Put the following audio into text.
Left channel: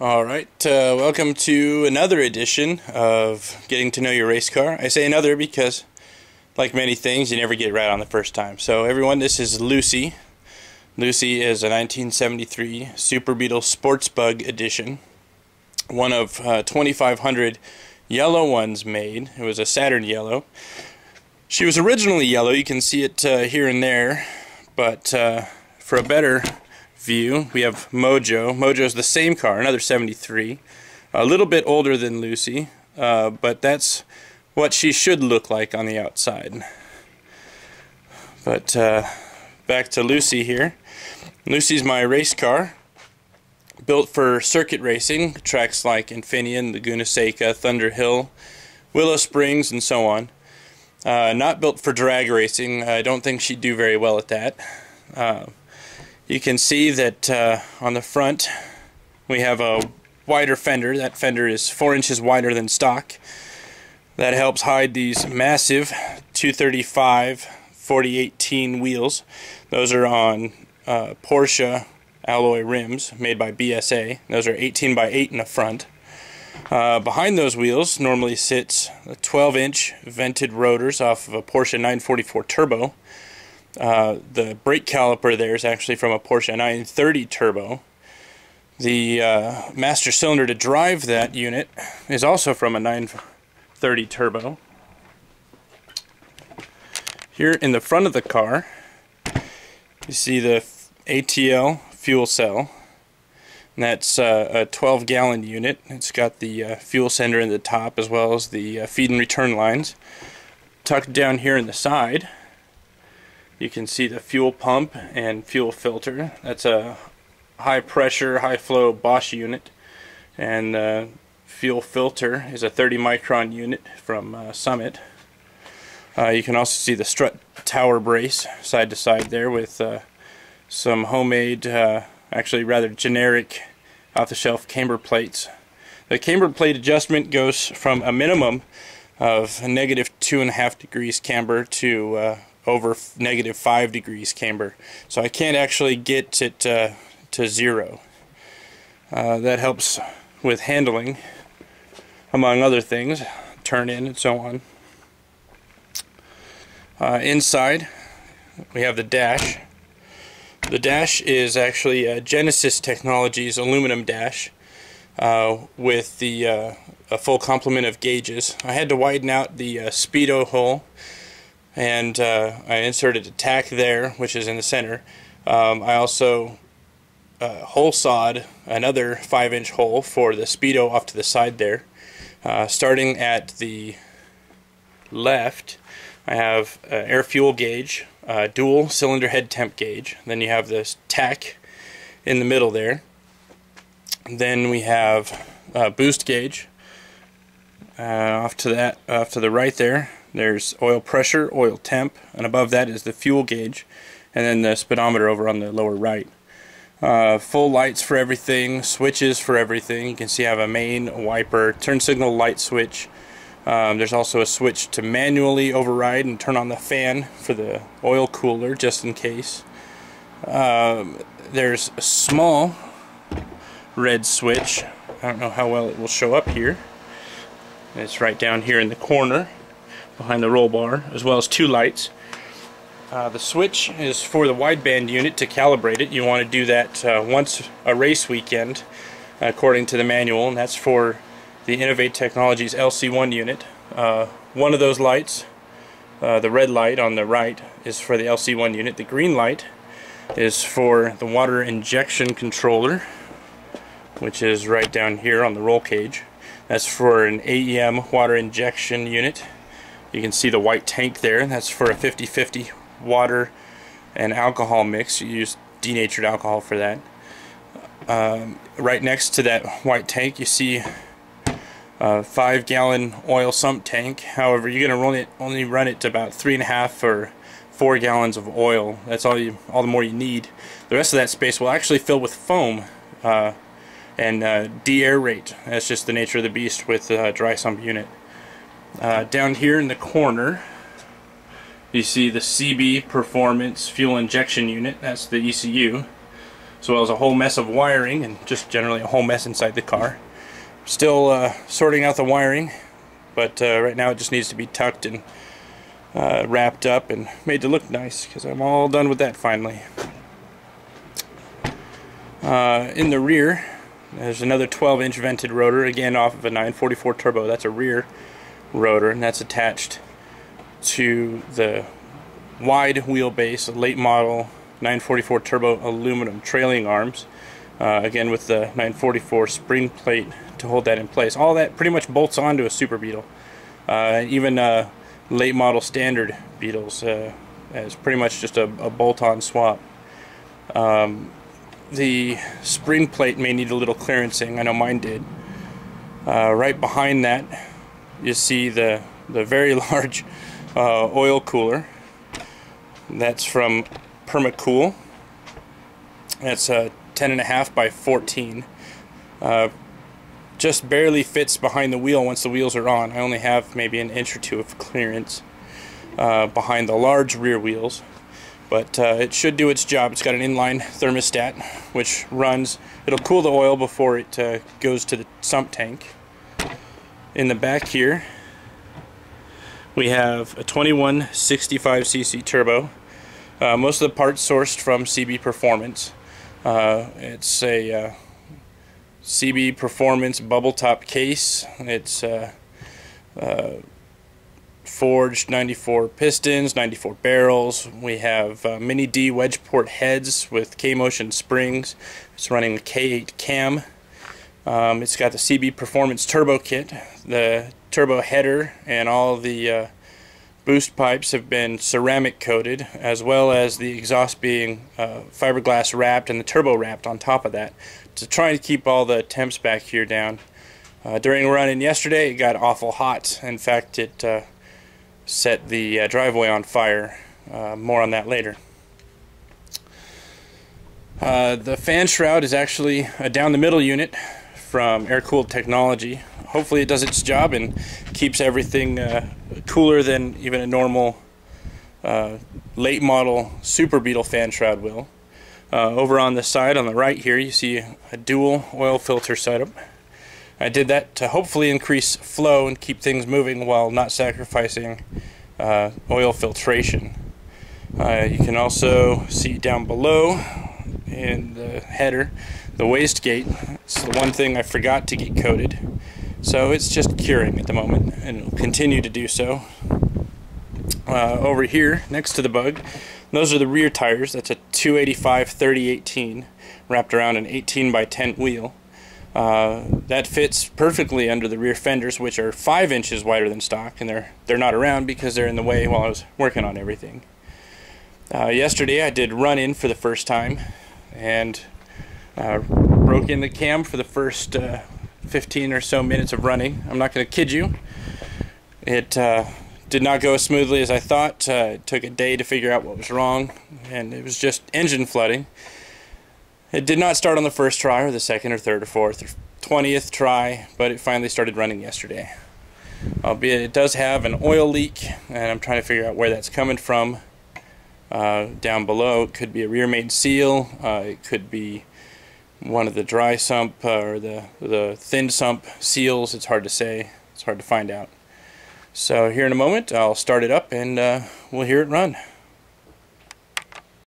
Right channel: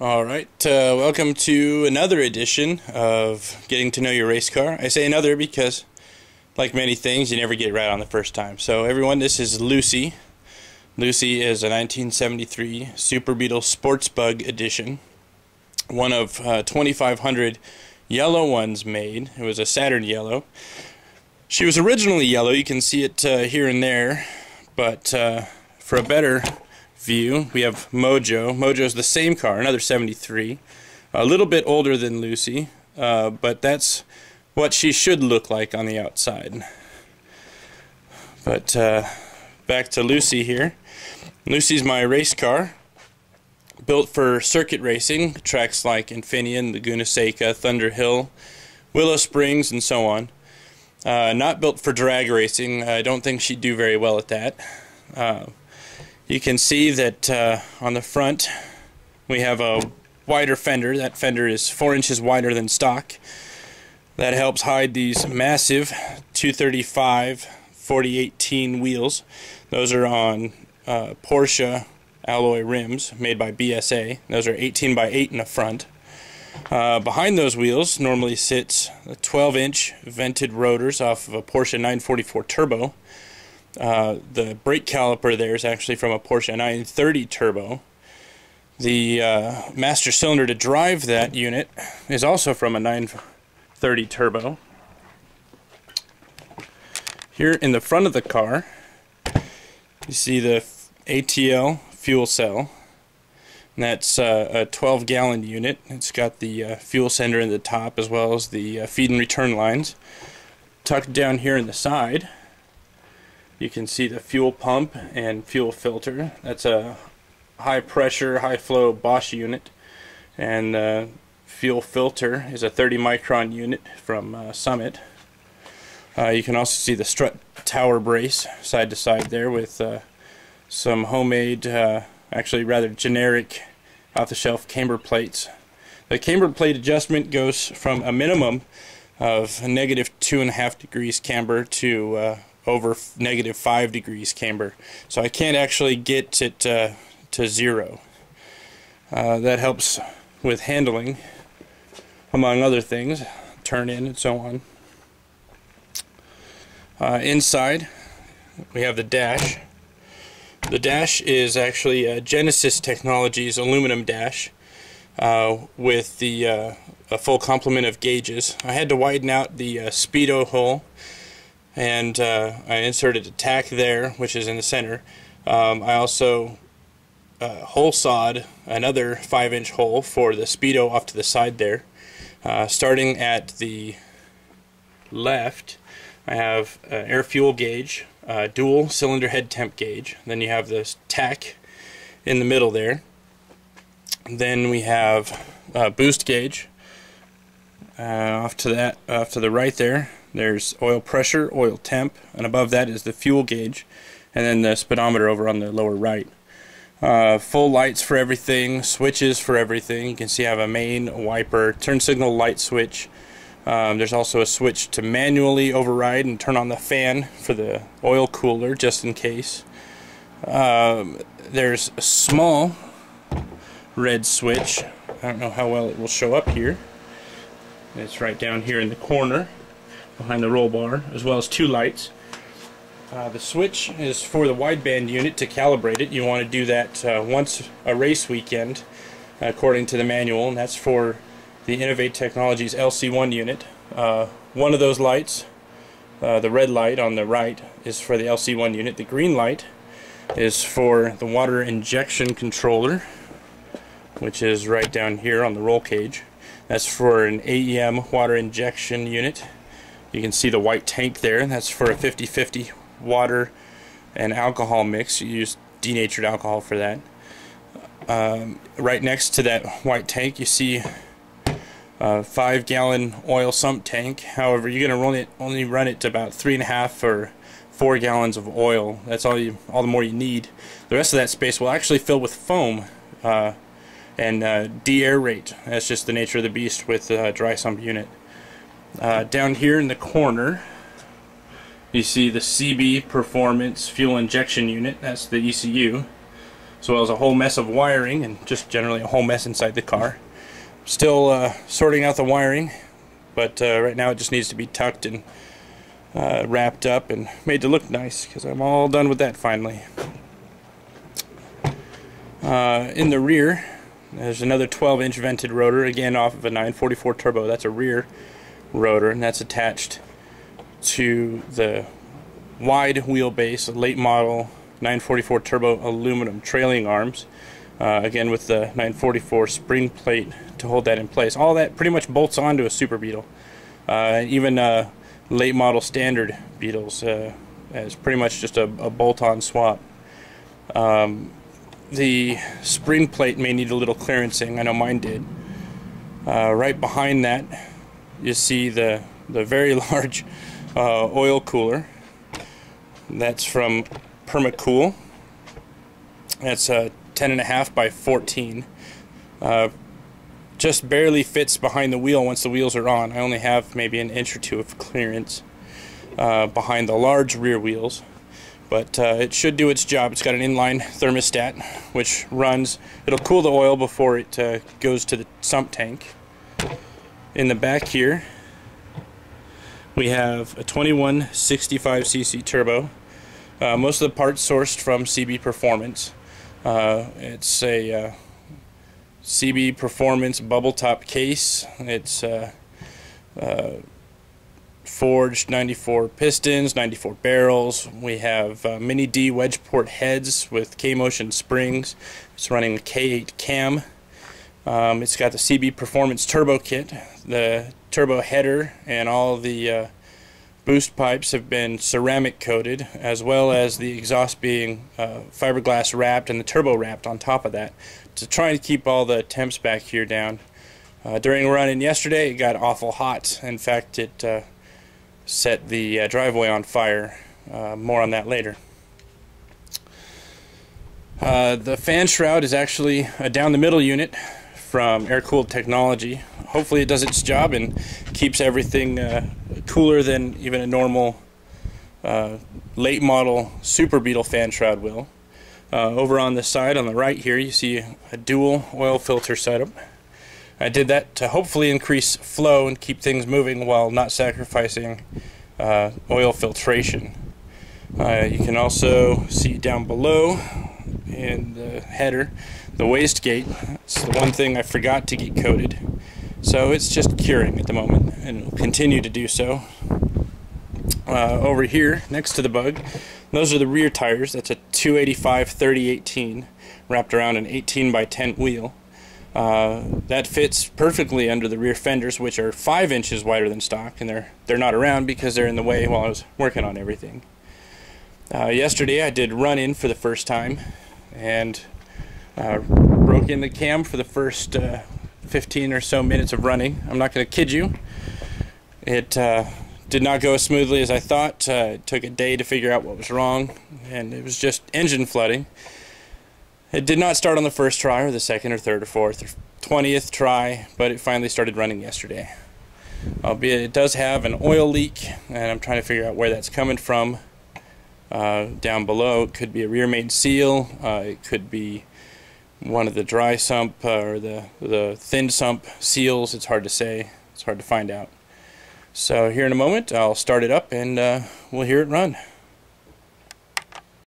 Alright, welcome to another edition of Getting to Know Your Race Car. I say another because, like many things, you never get it right on the first time. So everyone, this is Lucy. Lucy is a 1973 Super Beetle Sports Bug edition. One of 2,500 yellow ones made. It was a Saturn yellow. She was originally yellow, you can see it here and there, but for a better view, we have Mojo. Mojo's the same car, another 73. A little bit older than Lucy, but that's what she should look like on the outside. But back to Lucy here. Lucy's my race car, built for circuit racing, tracks like Infineon, Laguna Seca, Thunder Hill, Willow Springs, and so on. Not built for drag racing. I don't think she'd do very well at that. You can see that on the front we have a wider fender. That fender is 4 inches wider than stock. That helps hide these massive 235 4018 wheels. Those are on Porsche alloy rims made by BSA. Those are 18 by 8 in the front. Behind those wheels normally sits 12-inch vented rotors off of a Porsche 944 Turbo. The brake caliper there is actually from a Porsche 930 Turbo. The master cylinder to drive that unit is also from a 930 Turbo. Here in the front of the car, you see the ATL fuel cell. And that's a 12-gallon unit. It's got the fuel sender in the top as well as the feed and return lines. Tucked down here in the side, you can see the fuel pump and fuel filter. That's a high pressure, high flow Bosch unit. And the fuel filter is a 30 micron unit from Summit. You can also see the strut tower brace side to side there with some homemade, actually rather generic off-the-shelf camber plates. The camber plate adjustment goes from a minimum of negative 2.5 degrees camber to over negative 5 degrees camber. So I can't actually get it to zero. That helps with handling, among other things, turn in and so on. Inside we have the dash. The dash is actually a Genesis Technologies aluminum dash with a full complement of gauges. I had to widen out the speedo hole, and I inserted a tack there, which is in the center. I also hole sawed another 5-inch hole for the speedo off to the side there. Starting at the left, I have an air fuel gauge, dual cylinder head temp gauge. Then you have this tack in the middle there. Then we have a boost gauge. Off to the right there, there's oil pressure, oil temp, and above that is the fuel gauge, and then the speedometer over on the lower right. Full lights for everything, switches for everything. You can see I have a main, a wiper, turn signal light switch. There's also a switch to manually override and turn on the fan for the oil cooler, just in case. There's a small red switch. I don't know how well it will show up here. It's right down here in the corner behind the roll bar, as well as 2 lights. The switch is for the wideband unit to calibrate it. You want to do that once a race weekend, according to the manual, and that's for the Innovate Technologies LC1 unit. One of those lights, the red light on the right, is for the LC1 unit. The green light is for the water injection controller, which is right down here on the roll cage. That's for an AEM water injection unit. You can see the white tank there. That's for a 50-50 water and alcohol mix. You use denatured alcohol for that. Right next to that white tank, you see a 5-gallon oil sump tank. However, you're going to only run it to about 3.5 or 4 gallons of oil. That's all the more you need. The rest of that space will actually fill with foam and de-aerate. That's just the nature of the beast with a dry sump unit. Down here in the corner, you see the CB Performance Fuel Injection Unit. That's the ECU. as well as a whole mess of wiring and just generally a whole mess inside the car. Still sorting out the wiring, but right now it just needs to be tucked and wrapped up and made to look nice, because I'm all done with that finally. In the rear, there's another 12-inch vented rotor, again off of a 944 turbo. That's a rear rotor, and that's attached to the wide wheelbase, late model 944 turbo aluminum trailing arms, again with the 944 spring plate to hold that in place. All that pretty much bolts onto a Super Beetle. Even late model standard Beetles is pretty much just a bolt-on swap. The spring plate may need a little clearancing. I know mine did. Right behind that you see the very large oil cooler. That's from Permacool. That's 10.5 by 14. Just barely fits behind the wheel once the wheels are on. I only have maybe an inch or two of clearance behind the large rear wheels, but it should do its job. It's got an inline thermostat which runs. It'll cool the oil before it goes to the sump tank. In the back here we have a 2165cc turbo. Most of the parts sourced from CB Performance. It's a CB Performance bubble top case. It's forged 94 pistons, 94 barrels. We have mini D wedge port heads with K-motion springs. It's running a K8 cam. It's got the CB Performance turbo kit. The turbo header and all the boost pipes have been ceramic coated, as well as the exhaust being fiberglass wrapped and the turbo wrapped on top of that, to try and keep all the temps back here down. During running yesterday it got awful hot. In fact, it set the driveway on fire. More on that later. The fan shroud is actually a down the middle unit from air-cooled technology. Hopefully it does its job and keeps everything cooler than even a normal late model Super Beetle fan shroud will. Over on the side on the right here you see a dual oil filter setup. I did that to hopefully increase flow and keep things moving while not sacrificing oil filtration. You can also see down below in the header the wastegate. It's the one thing I forgot to get coated, so it's just curing at the moment and it'll continue to do so. Over here next to the bug, those are the rear tires. That's a 285/30/18 wrapped around an 18 by 10 wheel. That fits perfectly under the rear fenders, which are 5 inches wider than stock, and they're not around because they're in the way while I was working on everything. Yesterday I did run in for the first time and broke in the cam for the first 15 or so minutes of running. I'm not going to kid you. It did not go as smoothly as I thought. It took a day to figure out what was wrong, and it was just engine flooding. It did not start on the first try or the second or third or fourth or 20th try, but it finally started running yesterday. Albeit it does have an oil leak, and I'm trying to figure out where that's coming from. Down below it could be a rear main seal, it could be one of the dry sump or the thin sump seals. It's hard to say, it's hard to find out. So here in a moment I'll start it up and we'll hear it run.